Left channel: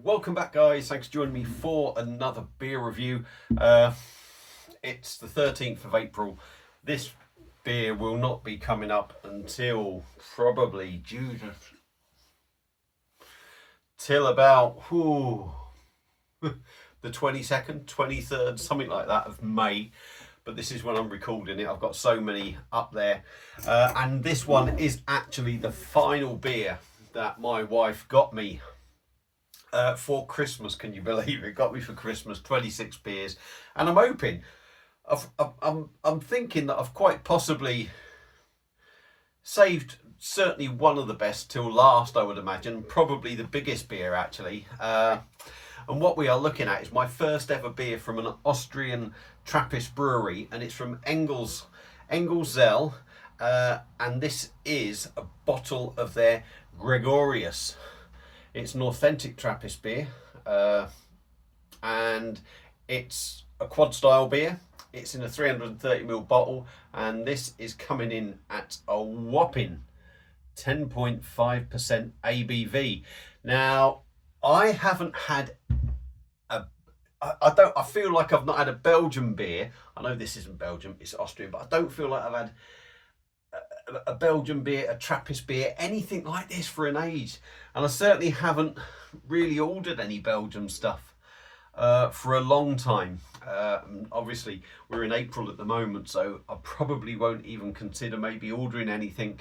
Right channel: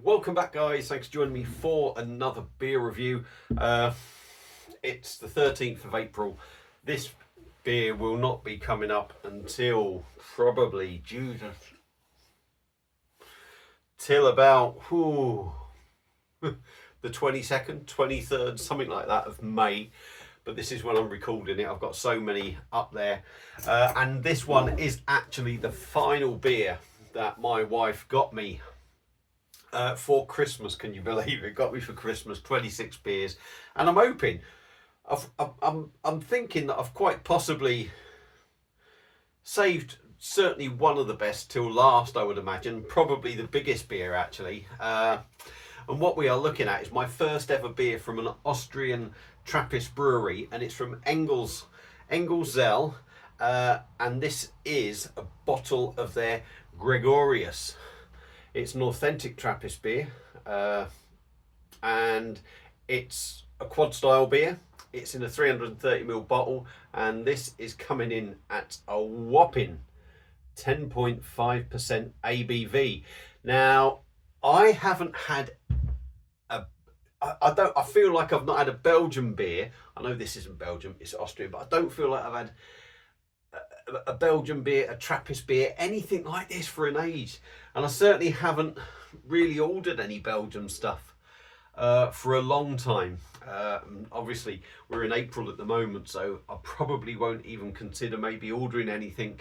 Welcome back, guys. Thanks for joining me for another beer review. It's the 13th of April. This beer will not be coming up until probably till about the 22nd, 23rd, something like that of May. But this is when I'm recording it. I've got so many up there. And this one is actually the final beer that my wife got me for Christmas. Can you believe it? Got me for Christmas 26 beers, and I'm hoping, I'm thinking that I've quite possibly saved certainly one of the best till last. I would imagine probably the biggest beer actually. And what we are looking at is my first ever beer from an Austrian Trappist brewery, and it's from Engelszell, and this is a bottle of their Gregorius. It's an authentic Trappist beer, and it's a quad style beer. It's in a 330ml bottle, and this is coming in at a whopping 10.5% ABV. Now, I haven't had I feel like I've not had a Belgian beer. I know this isn't Belgium, it's Austrian, but I don't feel like I've had a Belgian beer, a Trappist beer, anything like this for an age. And I certainly haven't really ordered any Belgian stuff for a long time. Obviously, we're in April at the moment, so I probably won't even consider maybe ordering anything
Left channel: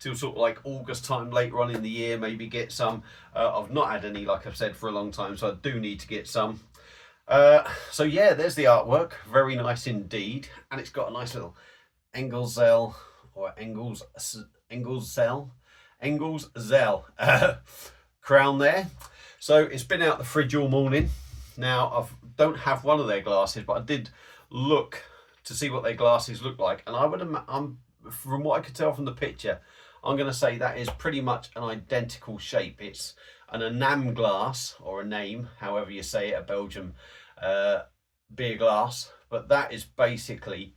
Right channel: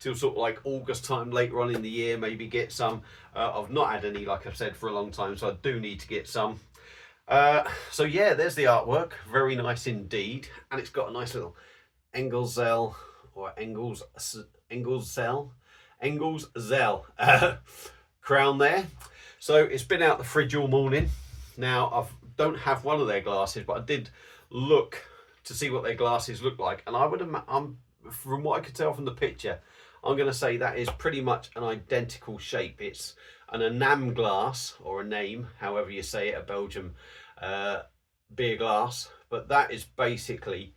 till sort of like August time later on in the year, maybe get some. I've not had any, like I've said, for a long time, so I do need to get some. So yeah, there's the artwork, very nice indeed, and it's got a nice little Engelszell or Engelszell crown there. So it's been out the fridge all morning. Now I don't have one of their glasses, but I did look to see what their glasses look like, and from what I could tell from the picture, I'm going to say that is pretty much an identical shape. It's an enam glass, or a name, however you say it, a Belgian beer glass, but that is basically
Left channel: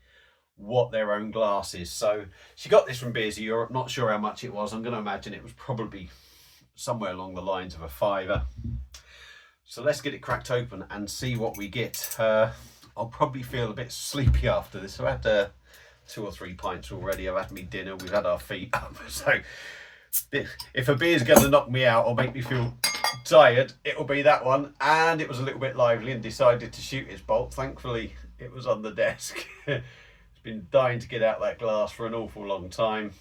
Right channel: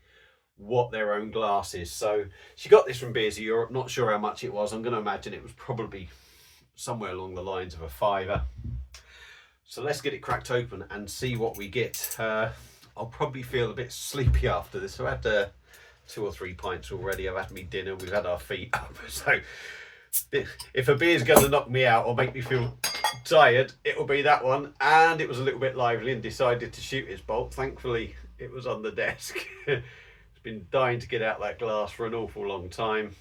what their own glass is. So she got this from Beers of Europe, not sure how much it was. I'm going to imagine it was probably somewhere along the lines of a £5. So let's get it cracked open and see what we get. I'll probably feel a bit sleepy after this. I've had 2 or 3 pints already. I've had me dinner, we've had our feet up. So if a beer's going to knock me out or make me feel tired, it'll be that one. And it was a little bit lively and decided to shoot its bolt. Thankfully it was on the desk. It's been dying to get out that glass for an awful long time.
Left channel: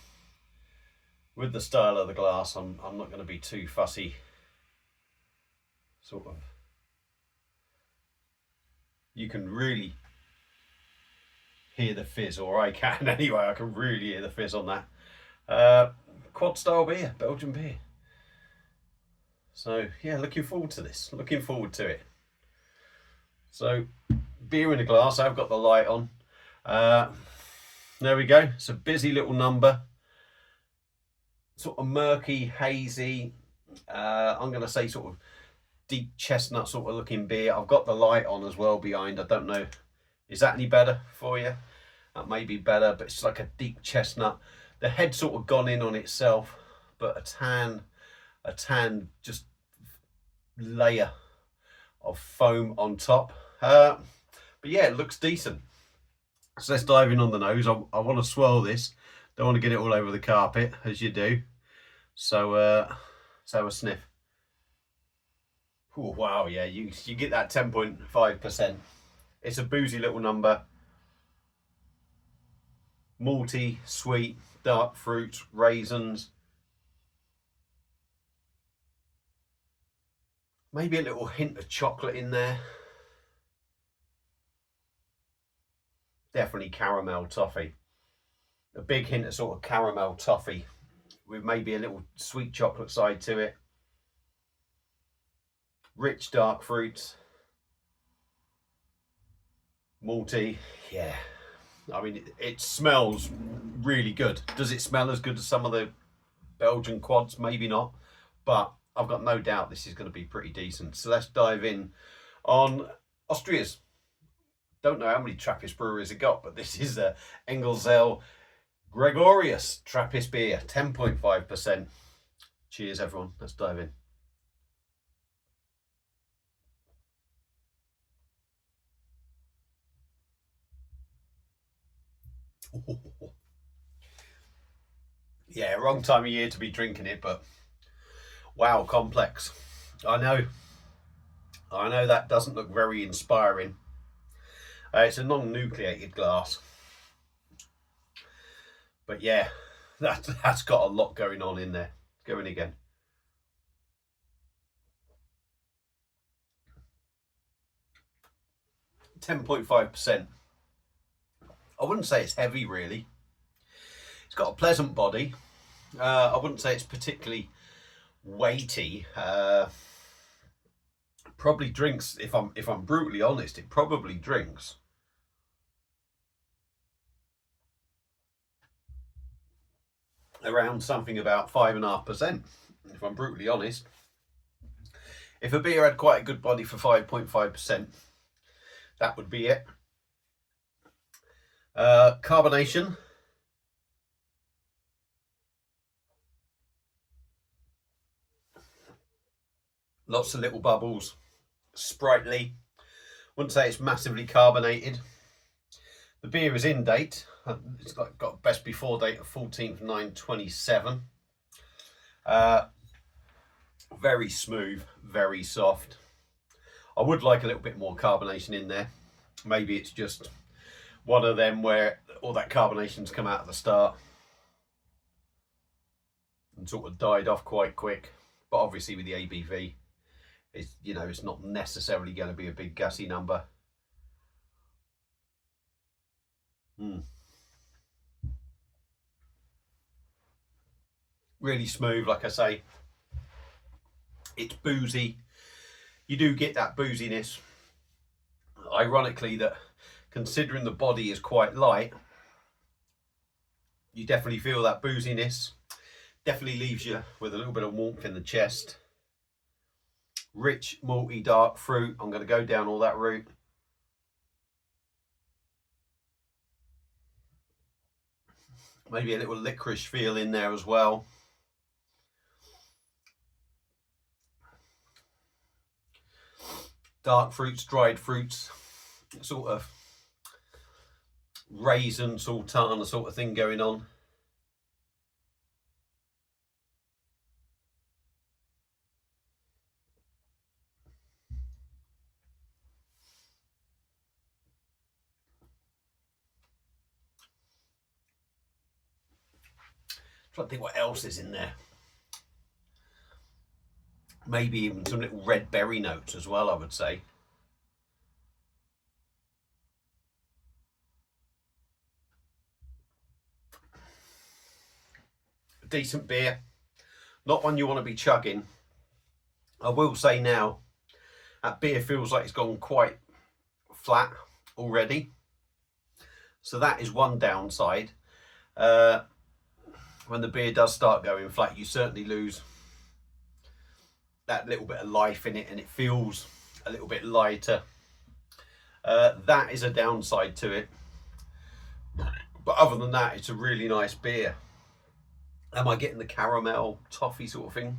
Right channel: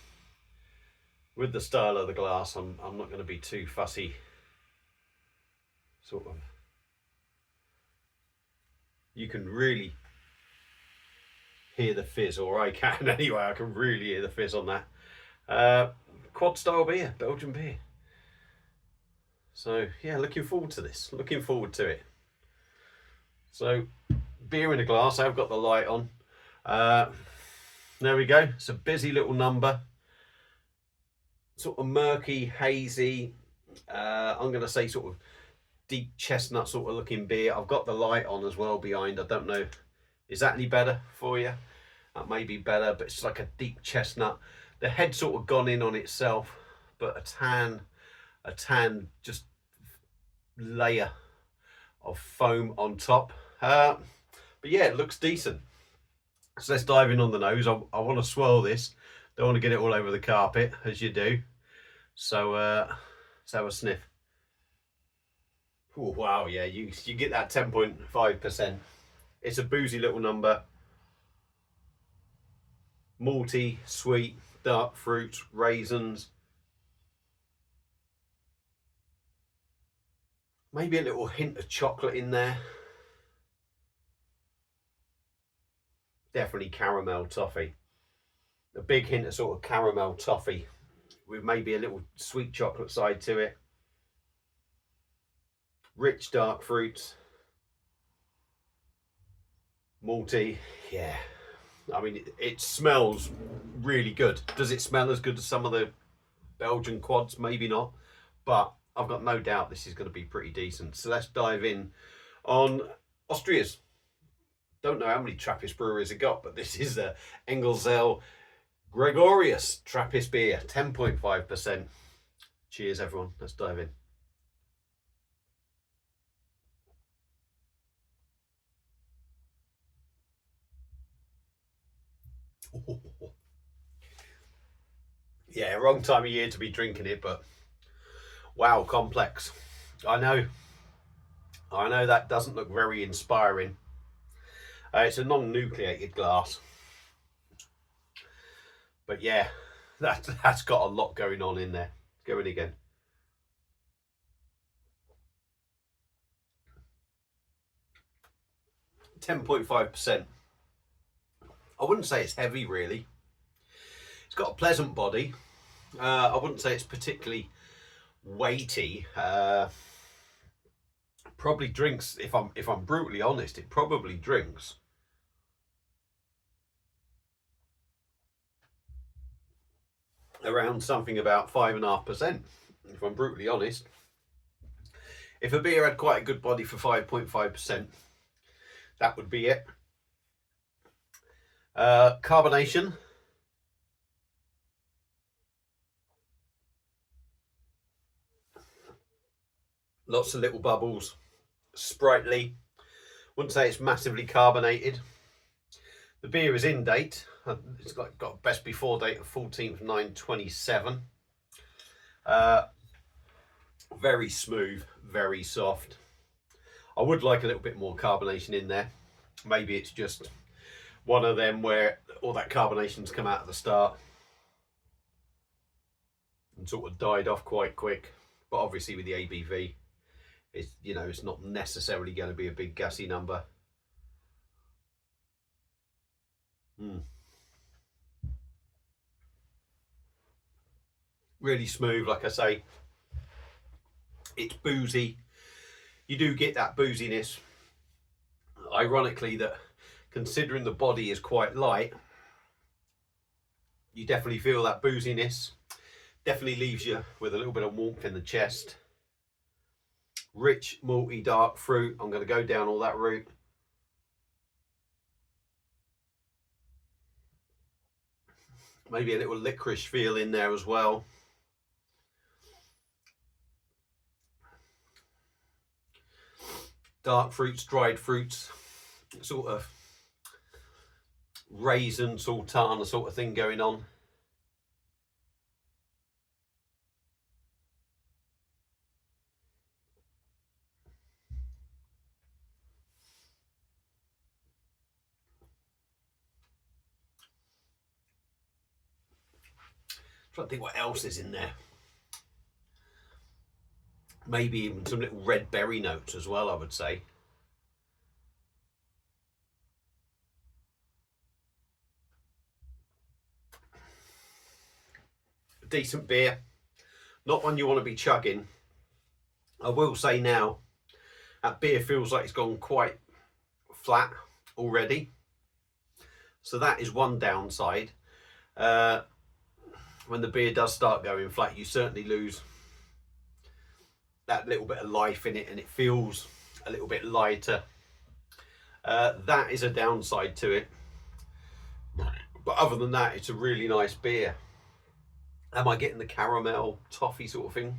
With the style of the glass, I'm not going to be too fussy. Sort of, you can really hear the fizz, or I can anyway. I can really hear the fizz on that. Quad style beer, Belgian beer. So yeah, looking forward to this, looking forward to it. So beer in a glass, I've got the light on. There we go. It's a busy little number, sort of murky, hazy, I'm going to say sort of deep chestnut sort of looking beer. I've got the light on as well behind. I don't know, is that any better for you? That may be better, but it's like a deep chestnut. The head sort of gone in on itself, but a tan just layer of foam on top. But yeah, it looks decent. So let's dive in on the nose. I want to swirl this. Don't want to get it all over the carpet, as you do. So let's have a sniff. Oh, wow, yeah, you get that 10.5%. It's a boozy little number. Malty, sweet, dark fruits, raisins. Maybe a little hint of chocolate in there. Definitely caramel toffee. A big hint of sort of caramel toffee with maybe a little sweet chocolate side to it. Rich dark fruits. Malty, yeah. I mean, it smells really good. Does it smell as good as some of the Belgian quads? Maybe not, but I've got no doubt this is going to be pretty decent. So let's dive in on Austria's. Don't know how many Trappist breweries it got, but this is the Engelszell Gregorius Trappist beer, 10.5%. Cheers, everyone. Let's dive in. Yeah, wrong time of year to be drinking it, but wow, complex. I know that doesn't look very inspiring. It's a non-nucleated glass, but yeah, that's got a lot going on in there. Go in again. %10.5%. I wouldn't say it's heavy really. It's got a pleasant body. I wouldn't say it's particularly weighty. Probably drinks, if I'm brutally honest, it probably drinks around something about 5.5%, if I'm brutally honest. If a beer had quite a good body for 5.5%, that would be it. Carbonation. Lots of little bubbles. Sprightly. Wouldn't say it's massively carbonated. The beer is in date. It's got best before date of 14/9/27. Very smooth, very soft. I would like a little bit more carbonation in there. Maybe it's just one of them where all that carbonation's come out at the start and sort of died off quite quick. But obviously with the ABV, it's not necessarily going to be a big gassy number. Really smooth, like I say. It's boozy. You do get that booziness. Ironically, that considering the body is quite light, you definitely feel that booziness. Definitely leaves you with a little bit of warmth in the chest. Rich, malty, dark fruit. I'm going to go down all that route. Maybe a little licorice feel in there as well. Dark fruits, dried fruits, sort of raisin, sultana sort of thing going on. Trying to think what else is in there. Maybe even some little red berry notes as well, I would say. A decent beer, not one you want to be chugging. I will say now, that beer feels like it's gone quite flat already. So that is one downside. When the beer does start going flat, you certainly lose that little bit of life in it, and it feels a little bit lighter. That is a downside to it. But other than that, it's a really nice beer. Am I getting the caramel toffee sort of thing?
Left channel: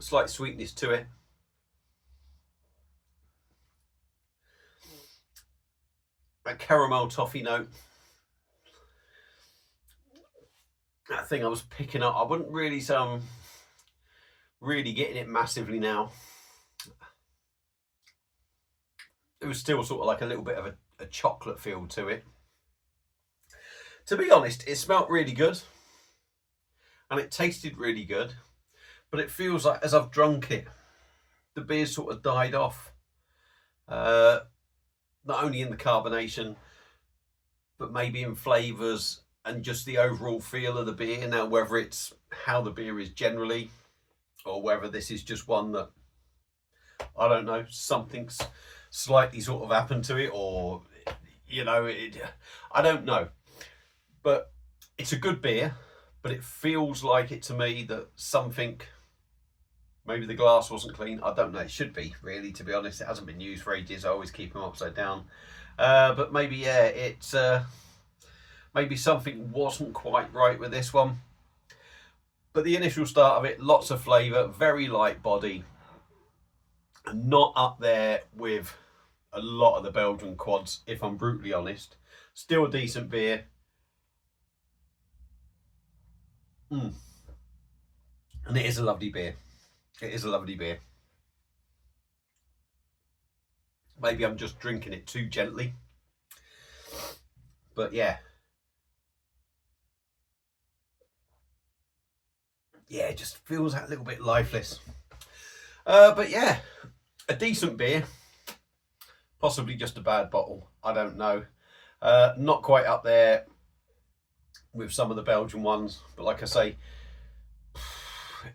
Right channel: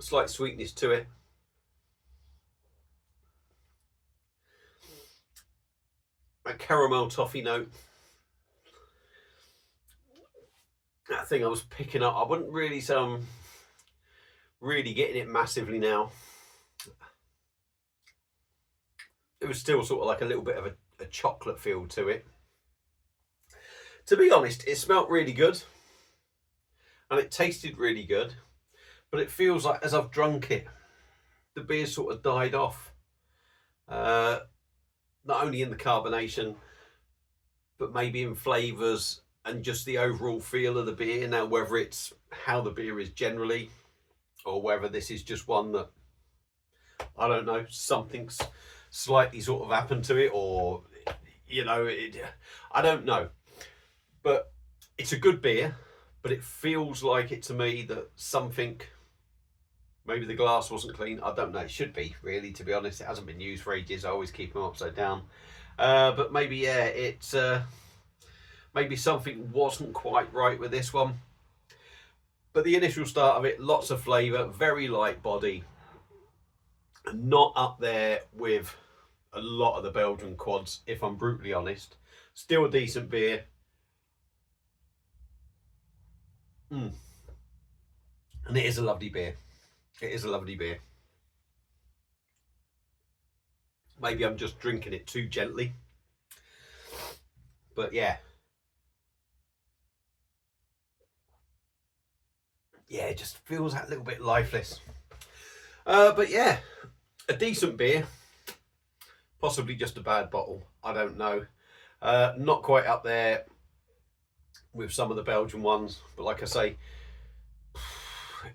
Slight sweetness to it. A caramel toffee note. That thing I was picking up, I wouldn't really say I'm really getting it massively now. It was still sort of like a little bit of a chocolate feel to it. To be honest, it smelled really good and it tasted really good, but it feels like as I've drunk it, the beer sort of died off. Not only in the carbonation, but maybe in flavours and just the overall feel of the beer. Now, whether it's how the beer is generally, or whether this is just one that, I don't know, something's slightly sort of happened to it, or, I don't know. But it's a good beer, but it feels like it to me that something, maybe the glass wasn't clean. I don't know. It should be, really, to be honest. It hasn't been used for ages. I always keep them upside down. But maybe, yeah, it's maybe something wasn't quite right with this one. But the initial start of it, lots of flavour, very light body. Not up there with a lot of the Belgian quads, if I'm brutally honest. Still a decent beer. And it is a lovely beer. It is a lovely beer. Maybe I'm just drinking it too gently. But yeah. Yeah, it just feels that little bit lifeless. But yeah, a decent beer. Possibly just a bad bottle. I don't know. Not quite up there with some of the Belgian ones. But like I say,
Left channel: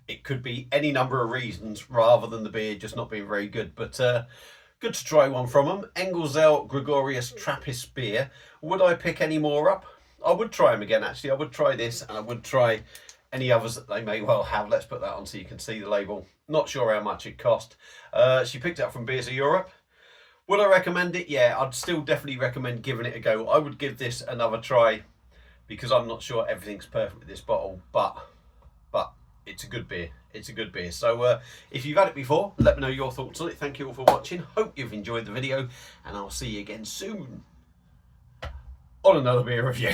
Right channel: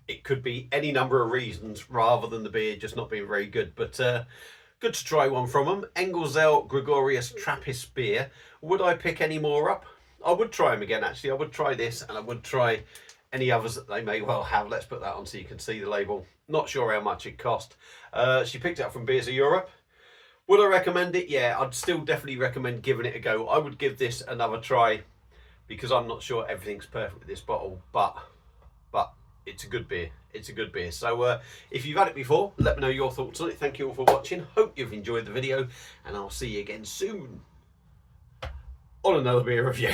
it could be any number of reasons rather than the beer just not being very good. But good to try one from them. Engelszell Gregorius Trappist beer. Would I pick any more up? I would try them again, actually. I would try this, and I would try any others that they may well have. Let's put that on so you can see the label. Not sure how much it cost. She picked it up from Beers of Europe. Would I recommend it? Yeah, I'd still definitely recommend giving it a go. I would give this another try because I'm not sure everything's perfect with this bottle, but it's a good beer. It's a good beer. So if you've had it before, let me know your thoughts on it. Thank you all for watching. Hope you've enjoyed the video, and I'll see you again soon on another beer review.